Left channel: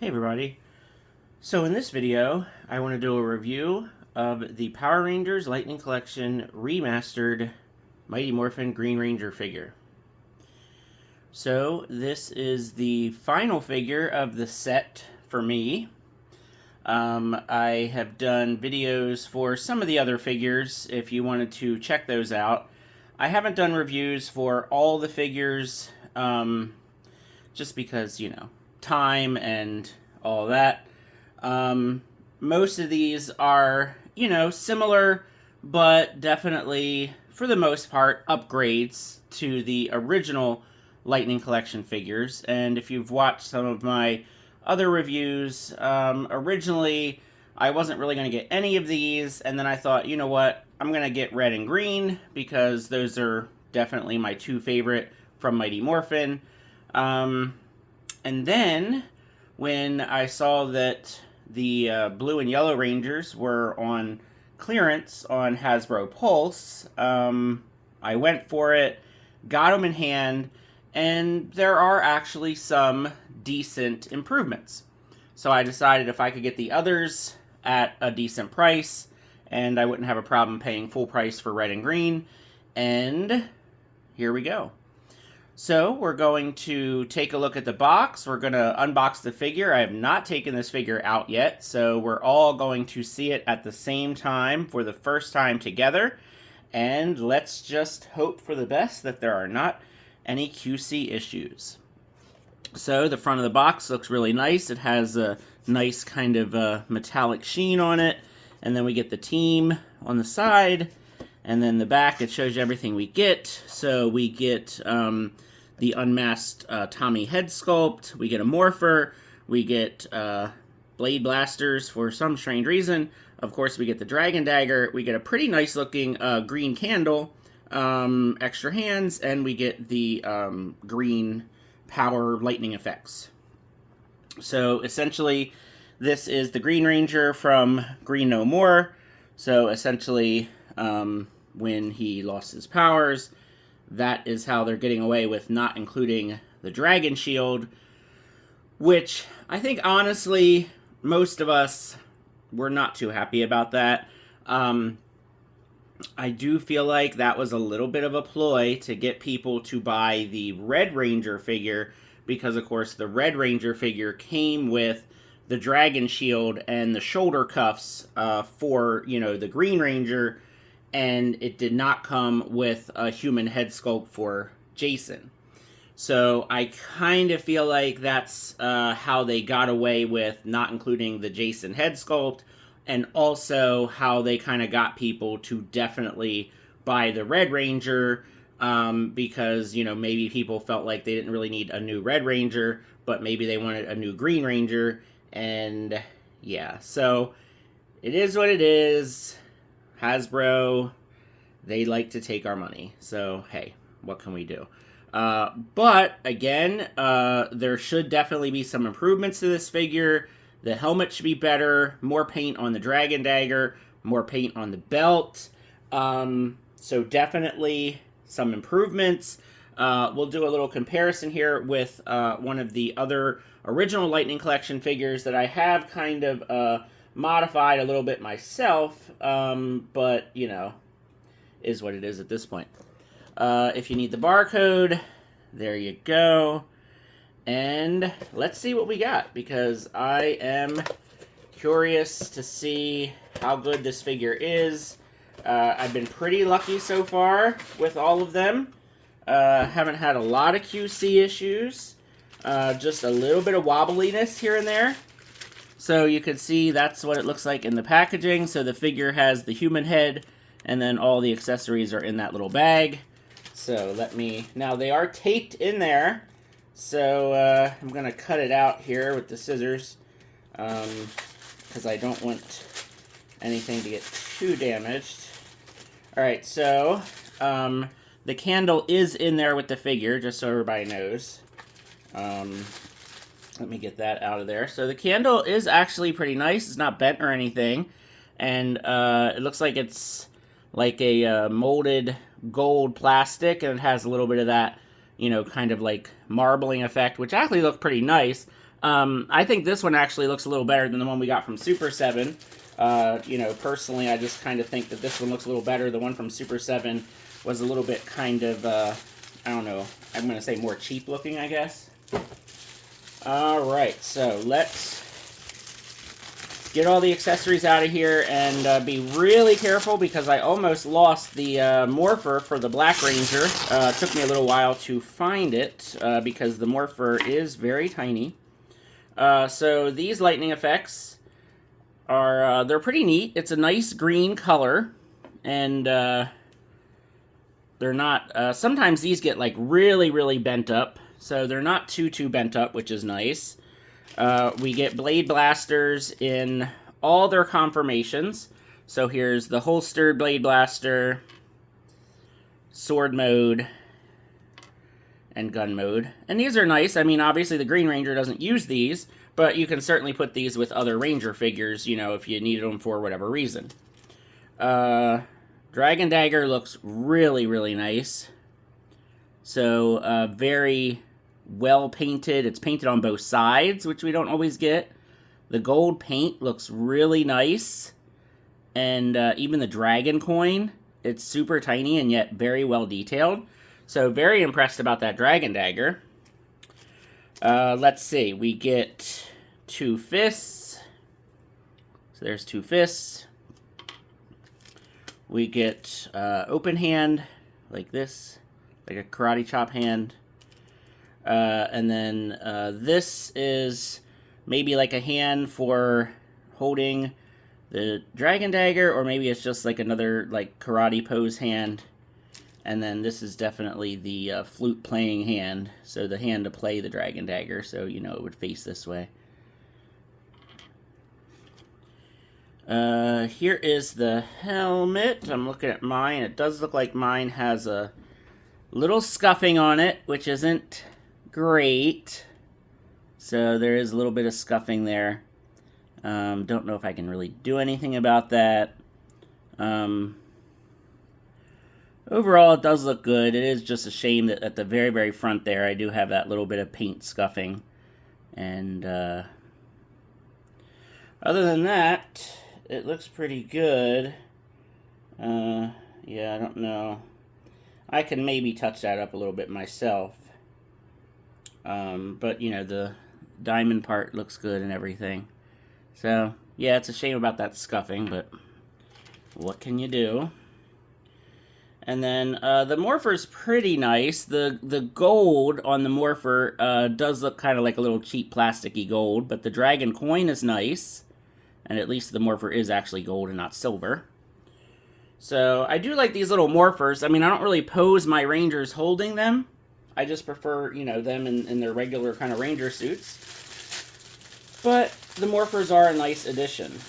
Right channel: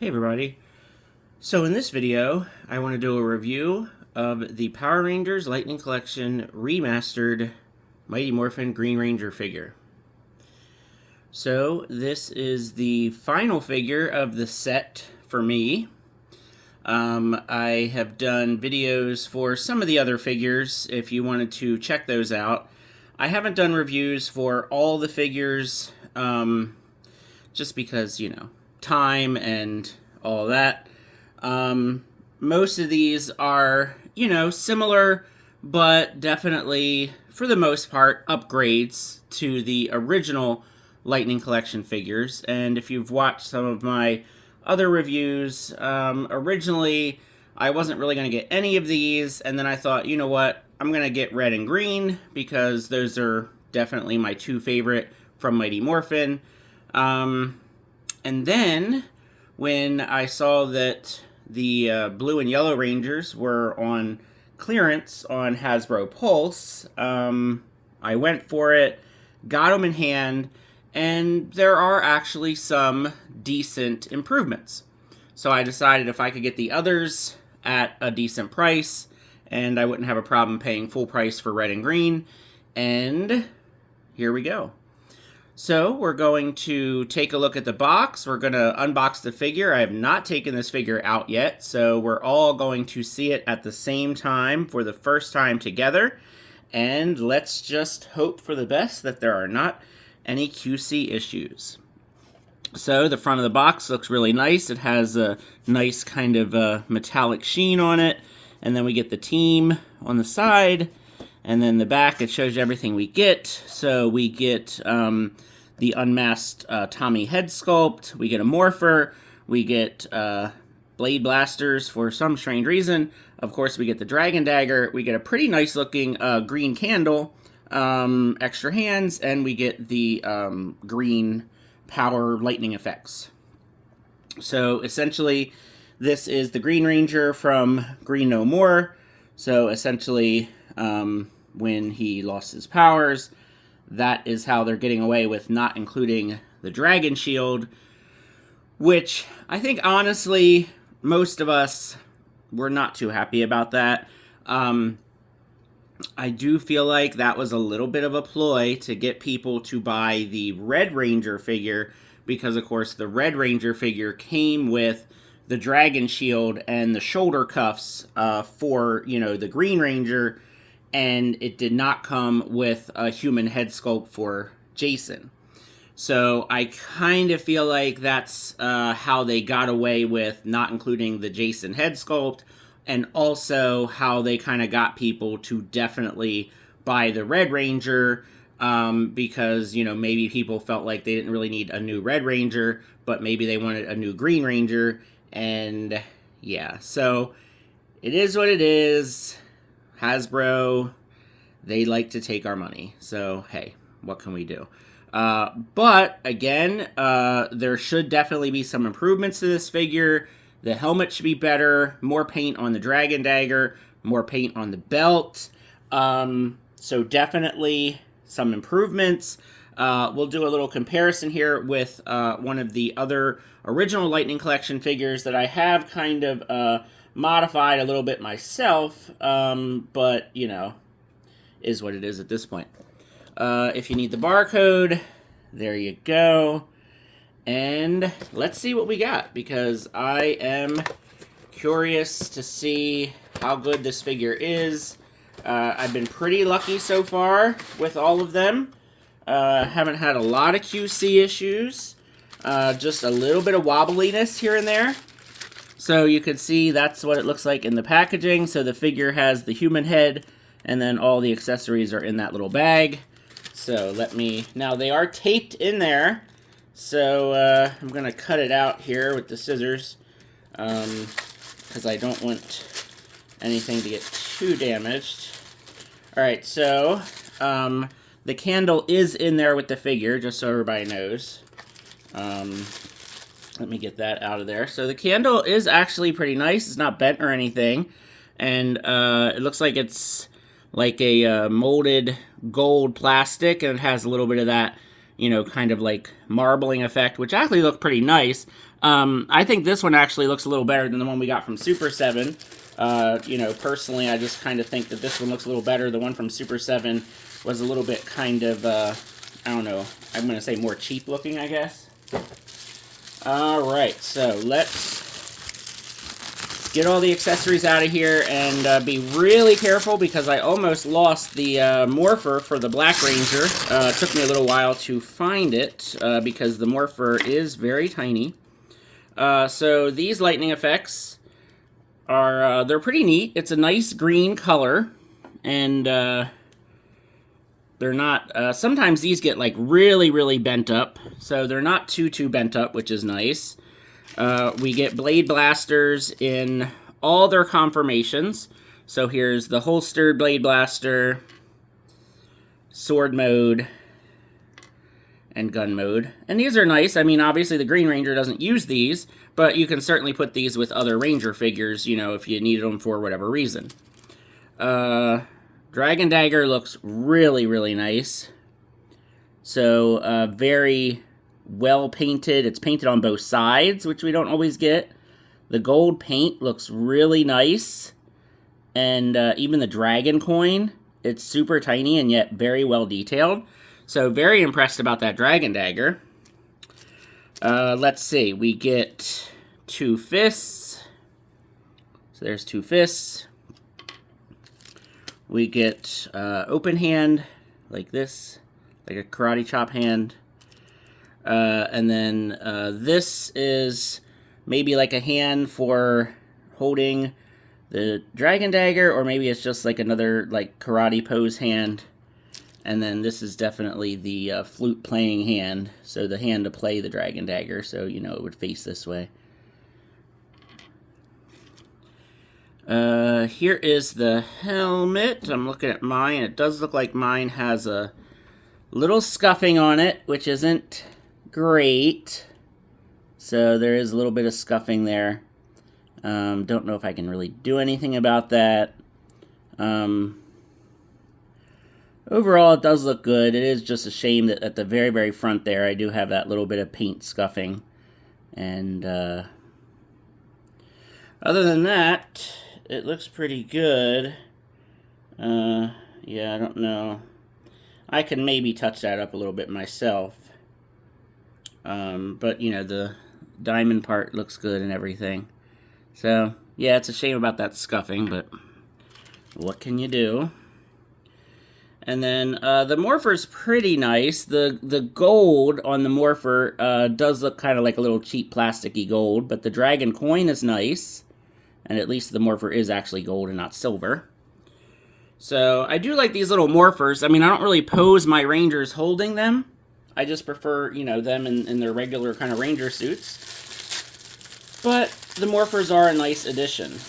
Hey everybody. So in this video, I want to do a review of the Power Rangers Lightning Collection Remastered Mighty Morphin Green Ranger figure. So this is the final figure of the set for me. I have done videos for some of the other figures if you wanted to check those out. I haven't done reviews for all the figures just because, time and all that. Most of these are, similar, but definitely, for the most part, upgrades to the original Lightning Collection figures. And if you've watched some of my other reviews, originally I wasn't really going to get any of these, and then I thought, you know what, I'm going to get red and green because those are definitely my two favorite from Mighty Morphin. And then, when I saw that the blue and yellow Rangers were on clearance on Hasbro Pulse, I went for it, got them in hand, and there are actually some decent improvements. So I decided if I could get the others at a decent price, and I wouldn't have a problem paying full price for red and green, and here we go. So we're going to take a look at the box. We're going to unbox the figure. I have not taken this figure out yet, so we're all going to see it at the same time for the first time together. And let's just hope for the best that there are not any QC issues. So the front of the box looks really nice. It has a nice kind of metallic sheen on it. And then we get the team on the side. And then the back, it shows you everything we get. So we get the unmasked Tommy head sculpt, we get a morpher, we get blade blasters for some strange reason. Of course, we get the dragon dagger, we get a pretty nice looking green candle, extra hands, and we get the green power lightning effects. So essentially, this is the Green Ranger from Green No More. So essentially, when he lost his powers, that is how they're getting away with not including the Dragon Shield, which I think, honestly, most of us were not too happy about that. I do feel like that was a little bit of a ploy to get people to buy the Red Ranger figure, because, of course, the Red Ranger figure came with the Dragon Shield and the shoulder cuffs for, the Green Ranger, and it did not come with a human head sculpt for Jason. So I kind of feel like that's how they got away with not including the Jason head sculpt, and also how they kind of got people to definitely buy the Red Ranger, because, maybe people felt like they didn't really need a new Red Ranger, but maybe they wanted a new Green Ranger, and yeah, so it is what it is. Hasbro, they like to take our money. So, hey, what can we do? But, again, there should definitely be some improvements to this figure. The helmet should be better, more paint on the Dragon Dagger, more paint on the belt. So, definitely some improvements. We'll do a little comparison here with one of the other original Lightning Collection figures that I have kind of modified a little bit myself, but, is what it is at this point. If you need the barcode, there you go. And let's see what we got, because I am curious to see how good this figure is. I've been pretty lucky so far with all of them. Haven't had a lot of QC issues. Just a little bit of wobbliness here and there. So you can see that's what it looks like in the packaging. So the figure has the human head, and then all the accessories are in that little bag. So now they are taped in there. So I'm going to cut it out here with the scissors, because I don't want anything to get too damaged. Alright, so the candle is in there with the figure, just so everybody knows. Let me get that out of there. So the candle is actually pretty nice. It's not bent or anything. And it looks like it's like a molded gold plastic, and it has a little bit of that, you know, kind of like marbling effect, which actually looked pretty nice. I think this one actually looks a little better than the one we got from Super 7. You know, personally, I just kind of think that this one looks a little better. The one from Super 7 was a little bit kind of, I don't know, I'm going to say more cheap looking, I guess. Alright, so let's get all the accessories out of here and be really careful because I almost lost the morpher for the Black Ranger. It took me a little while to find it because the morpher is very tiny. So these lightning effects are, they're pretty neat. It's a nice green color, and they're not, sometimes these get like really bent up, so they're not too bent up, which is nice. We get blade blasters in all their conformations. So here's the holstered blade blaster, sword mode, and gun mode. And these are nice. I mean, obviously the Green Ranger doesn't use these, but you can certainly put these with other Ranger figures, you know, if you needed them for whatever reason. Dragon Dagger looks really nice. So, very well painted. It's painted on both sides, which we don't always get. The gold paint looks really nice. And even the dragon coin, it's super tiny and yet very well detailed. So very impressed about that Dragon Dagger. Let's see, we get 2 fists. So there's 2 fists. We get open hand, like this, like a karate chop hand. And then this is maybe like a hand for holding the Dragon Dagger, or maybe it's just like another like karate pose hand. And then this is definitely the flute playing hand, so the hand to play the Dragon Dagger, so you know it would face this way. Here is the helmet. I'm looking at mine. It does look like mine has a little scuffing on it, which isn't great. So there is a little bit of scuffing there. Don't know if I can really do anything about that. Overall, it does look good. It is just a shame that at the very front there, I do have that little bit of paint scuffing. And other than that, it looks pretty good. Yeah, I don't know. I can maybe touch that up a little bit myself. But, you know, the diamond part looks good and everything. So, yeah, it's a shame about that scuffing, but what can you do? And then the morpher's pretty nice. The gold on the morpher does look kind of like a little cheap plasticky gold, but the dragon coin is nice. And at least the morpher is actually gold and not silver. So I do like these little morphers. I mean, I don't really pose my Rangers holding them. I just prefer, you know, them in their regular kind of Ranger suits. But the morphers are a nice addition.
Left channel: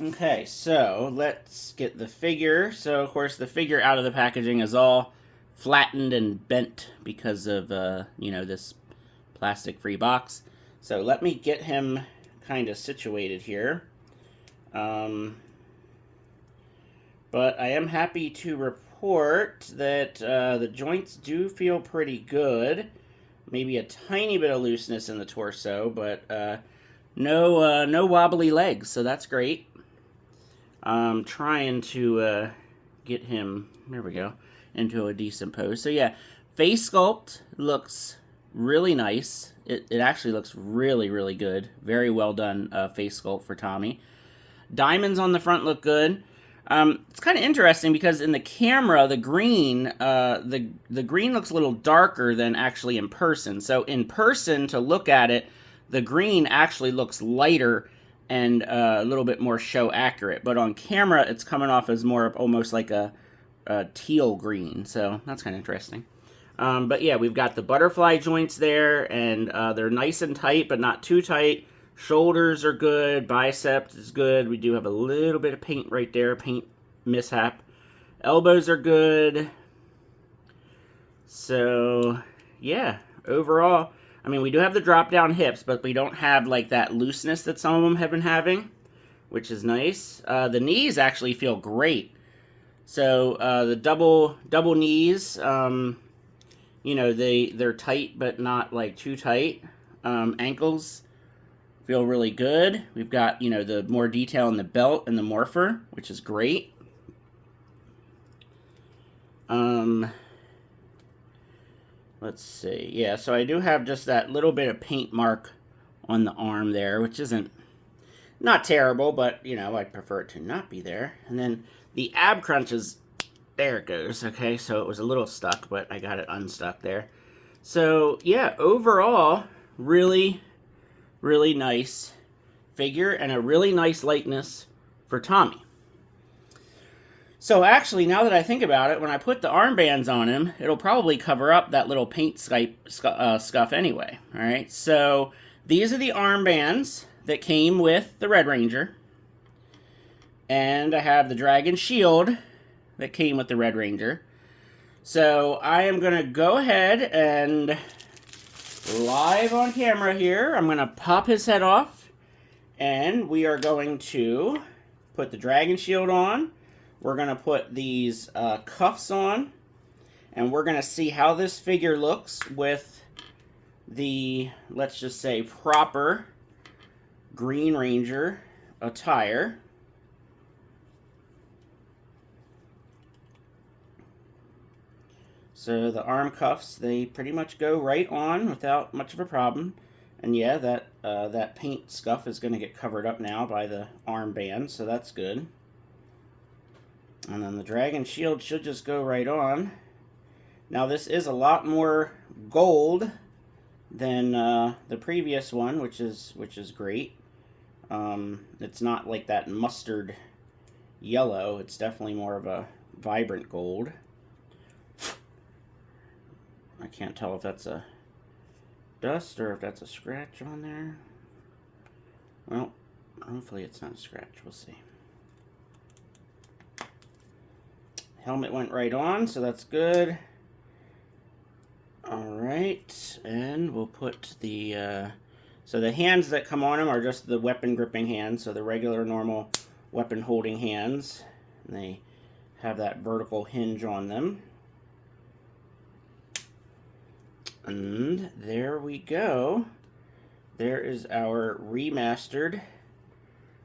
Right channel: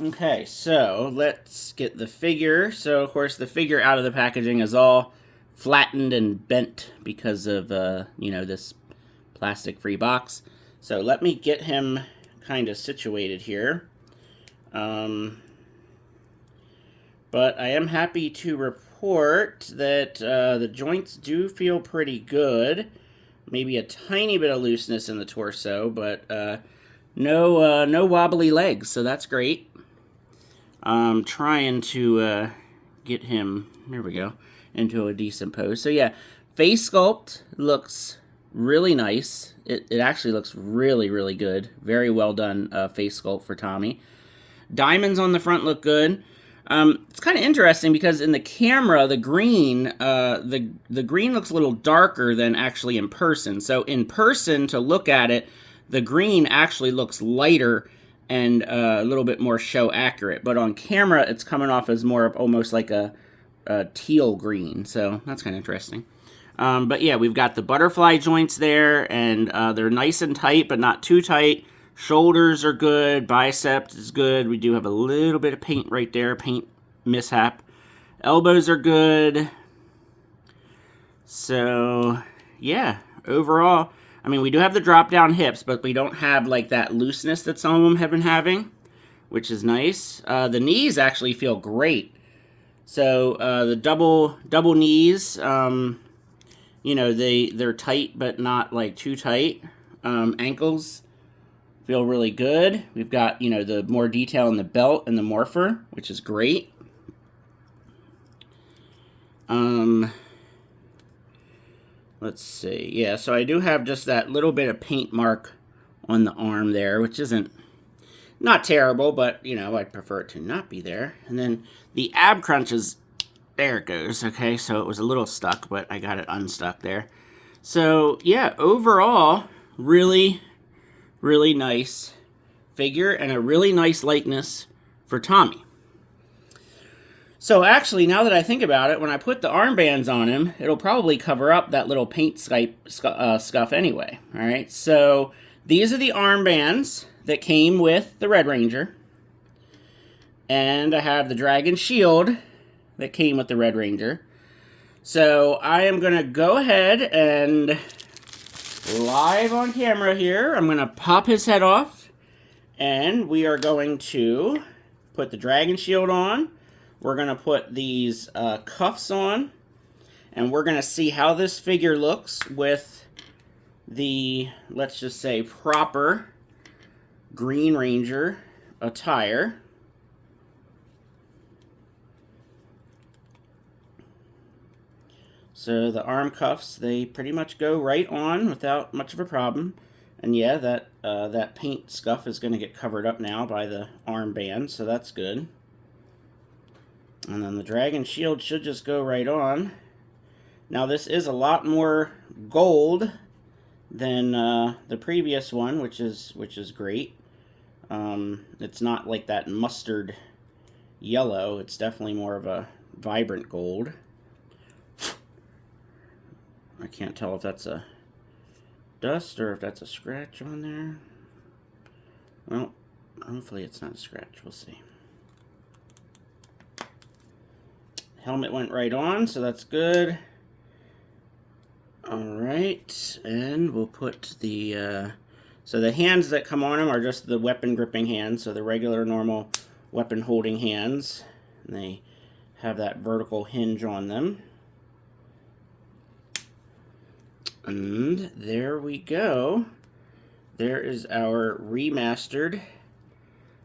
Okay, so let's get the figure. So, of course, the figure out of the packaging is all flattened and bent because of, you know, this plastic-free box. So let me get him kind of situated here. But I am happy to report that the joints do feel pretty good. Maybe a tiny bit of looseness in the torso, but no wobbly legs, so that's great. I'm trying to get him, there we go, into a decent pose. So yeah, face sculpt looks really nice. It actually looks really good. Very well done face sculpt for Tommy. Diamonds on the front look good. It's kind of interesting because in the camera, the green, the green looks a little darker than actually in person. So in person, to look at it, the green actually looks lighter and a little bit more show accurate. But on camera, it's coming off as more of almost like a teal green. So that's kind of interesting. But yeah, we've got the butterfly joints there, and they're nice and tight, but not too tight. Shoulders are good. Bicep is good. We do have a little bit of paint right there, paint mishap. Elbows are good. So, yeah, overall, I mean, we do have the drop-down hips, but we don't have, like, that looseness that some of them have been having, which is nice. The knees actually feel great. So, the double knees, you know, they're tight, but not like too tight. Ankles feel really good. We've got, you know, the more detail in the belt and the morpher, which is great. Let's see. Yeah, so I do have just that little bit of paint mark on the arm there, which isn't not terrible, but, you know, I'd prefer it to not be there. And then the ab crunch is, there it goes. Okay, so it was a little stuck, but I got it unstuck there. So, yeah, overall, really, really nice figure and a really nice likeness for Tommy. So actually, now that I think about it, when I put the armbands on him, it'll probably cover up that little paint scuff anyway. All right, so these are the armbands that came with the Red Ranger. And I have the Dragon Shield that came with the Red Ranger. So I am going to go ahead and live on camera here, I'm going to pop his head off. And we are going to put the Dragon Shield on. We're going to put these cuffs on. And we're going to see how this figure looks with the, let's just say, proper Green Ranger attire. So the arm cuffs, they pretty much go right on without much of a problem. And yeah, that paint scuff is going to get covered up now by the armband, so that's good. And then the Dragon Shield should just go right on. Now this is a lot more gold than the previous one, which is great. It's not like that mustard yellow. It's definitely more of a vibrant gold. I can't tell if that's a dust or if that's a scratch on there. Well, hopefully it's not a scratch. We'll see. Helmet went right on, so that's good. Alright, and we'll put the... so the hands that come on him are just the weapon gripping hands, so the regular, normal weapon holding hands. And they have that vertical hinge on them. And there we go. There is our remastered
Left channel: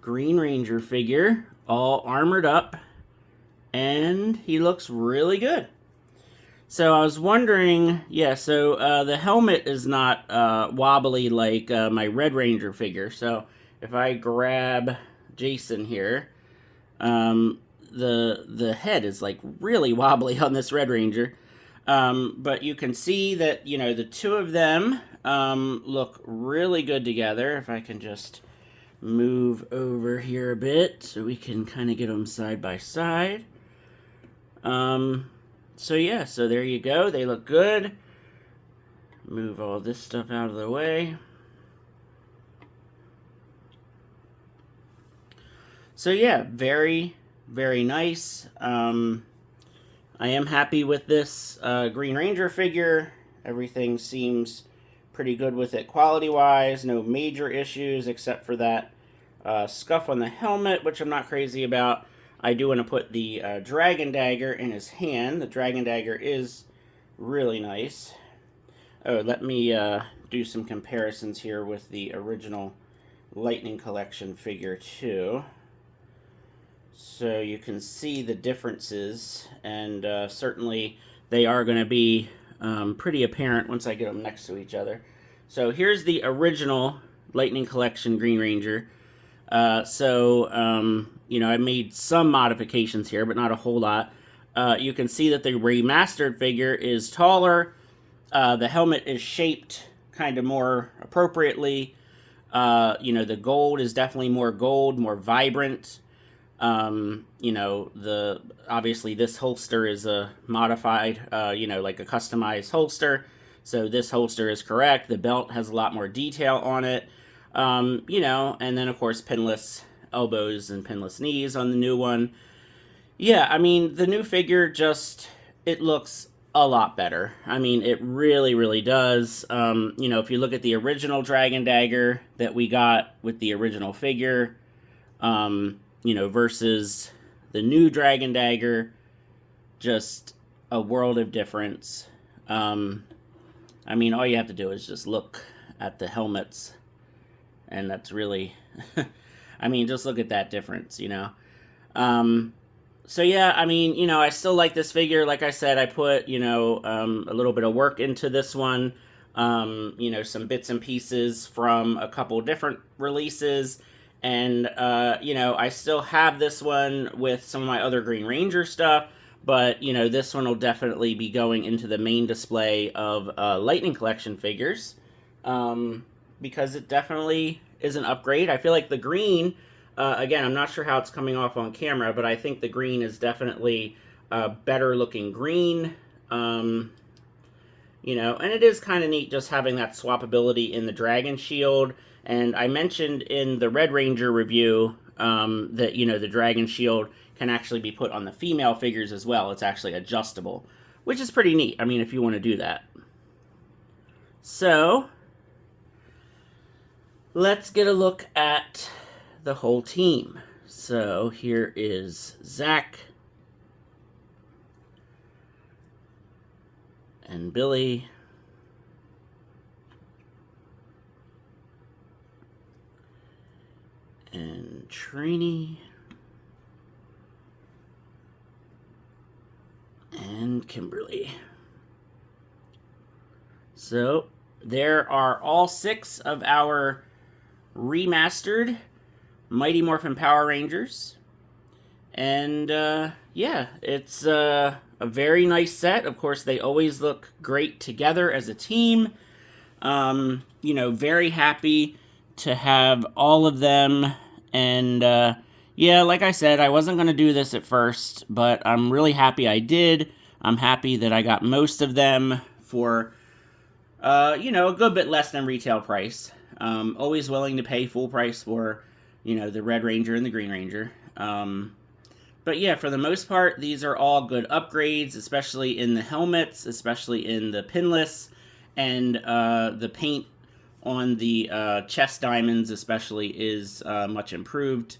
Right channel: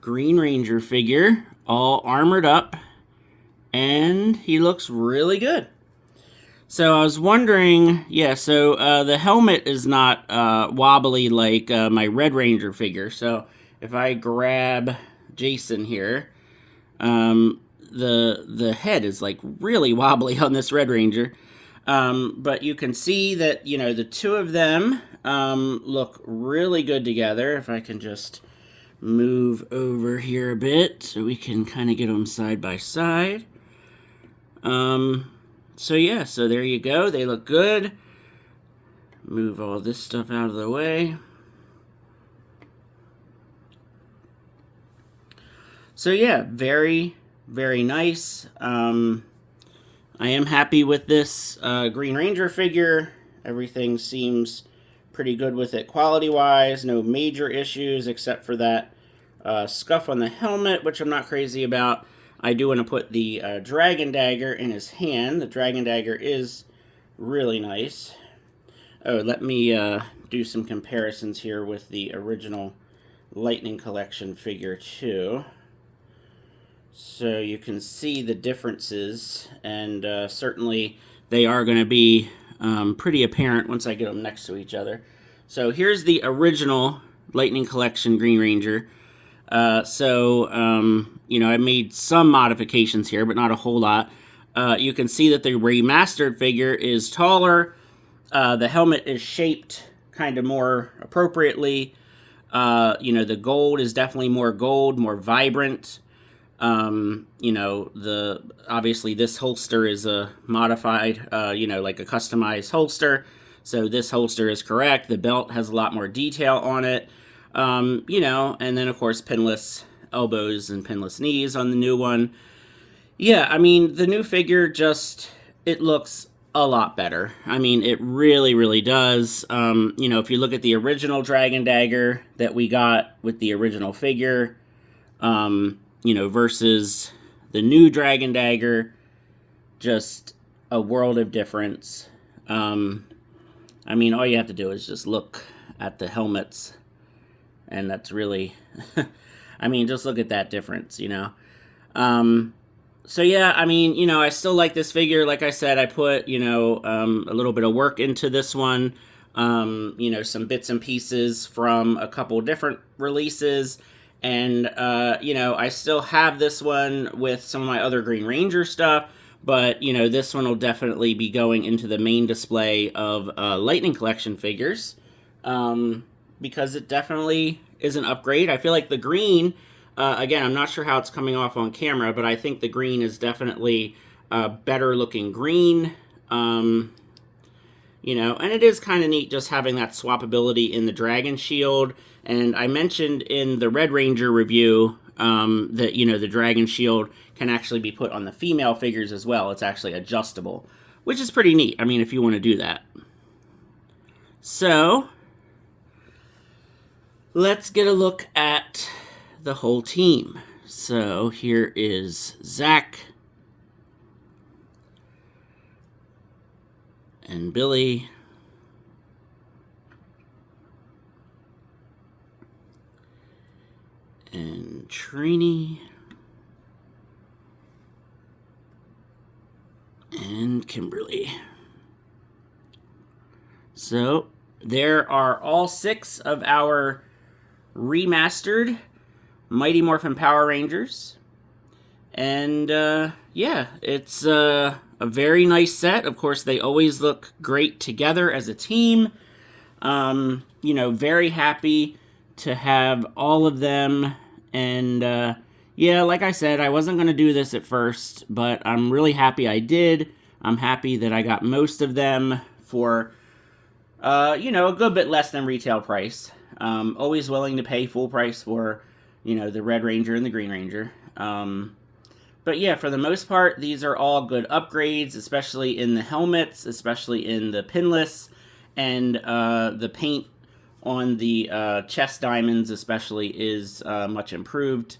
Green Ranger figure, all armored up, and he looks really good. So I was wondering, yeah, so the helmet is not wobbly like my Red Ranger figure. So if I grab Jason here, the head is like really wobbly on this Red Ranger. But you can see that, you know, the two of them look really good together. If I can just move over here a bit so we can kind of get them side by side. So yeah, so there you go. They look good. Move all this stuff out of the way. So yeah, very, very nice. I am happy with this Green Ranger figure. Everything seems pretty good with it quality-wise. No major issues except for that scuff on the helmet, which I'm not crazy about. I do want to put the Dragon Dagger in his hand. The Dragon Dagger is really nice. Oh, let me do some comparisons here with the original Lightning Collection figure too. So you can see the differences, and certainly they are going to be pretty apparent once I get them next to each other. So here's the original Lightning Collection Green Ranger. You know, I made some modifications here, but not a whole lot. You can see that the remastered figure is taller. The helmet is shaped kind of more appropriately. You know, the gold is definitely more gold, more vibrant. You know, obviously this holster is a modified, you know, like a customized holster. So this holster is correct. The belt has a lot more detail on it. You know, and then of course pinless elbows and pinless knees on the new one. Yeah, I mean, the new figure just, it looks a lot better. I mean, it really, really does. You know, if you look at the original Dragon Dagger that we got with the original figure, you know, versus the new Dragon Dagger, just a world of difference. I mean, all you have to do is just look at the helmets, and that's really, I mean, just look at that difference, you know. So yeah, I mean, you know, I still like this figure. Like I said, I put, you know, a little bit of work into this one. You know, some bits and pieces from a couple different releases. And, you know, I still have this one with some of my other Green Ranger stuff. But, you know, this one will definitely be going into the main display of Lightning Collection figures. Because it definitely is an upgrade. I feel like the green, again, I'm not sure how it's coming off on camera, but I think the green is definitely a better looking green. You know, and it is kind of neat just having that swappability in the Dragon Shield. And I mentioned in the Red Ranger review that, you know, the Dragon Shield can actually be put on the female figures as well. It's actually adjustable, which is pretty neat. I mean, if you want to do that. So, let's get a look at the whole team. So, here is Zach and Billy and Trini and Kimberly. So there are all 6 of our remastered Mighty Morphin Power Rangers. And yeah, it's a very nice set. Of course, they always look great together as a team. You know, very happy to have all of them. And yeah, like I said, I wasn't going to do this at first, but I'm really happy I did. I'm happy that I got most of them for, you know, a good bit less than retail price. Always willing to pay full price for, you know, the Red Ranger and the Green Ranger. But yeah, for the most part, these are all good upgrades, especially in the helmets, especially in the pinless, and the paint on the chest diamonds especially is much improved.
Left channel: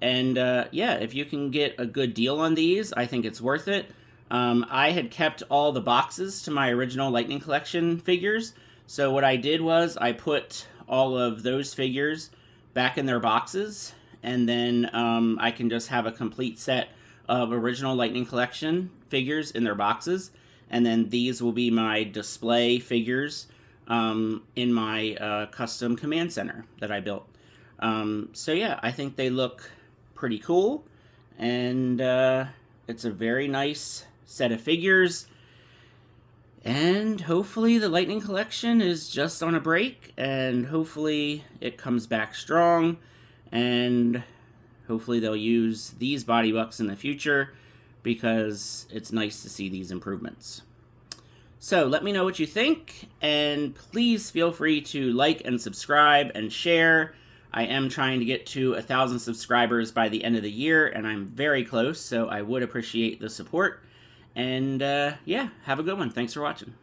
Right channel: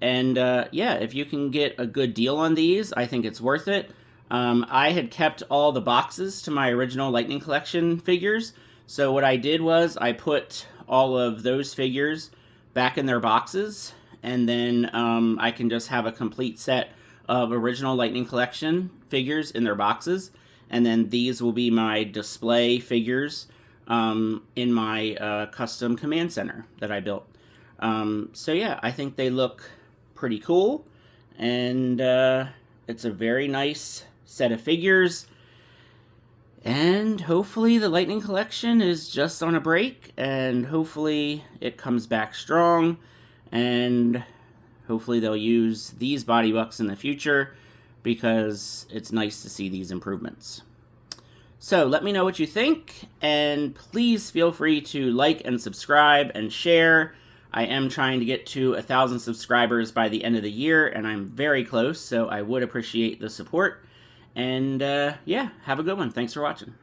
And yeah, if you can get a good deal on these, I think it's worth it. I had kept all the boxes to my original Lightning Collection figures, so what I did was I put all of those figures back in their boxes, and then I can just have a complete set of original Lightning Collection figures in their boxes, and then these will be my display figures in my custom command center that I built. So yeah, I think they look pretty cool, and it's a very nice set of figures, and hopefully the Lightning Collection is just on a break, and hopefully it comes back strong, and hopefully they'll use these body bucks in the future, because it's nice to see these improvements. So let me know what you think, and please feel free to like and subscribe and share. I am trying to get to 1,000 subscribers by the end of the year, and I'm very close, so I would appreciate the support. And yeah, have a good one. Thanks for watching.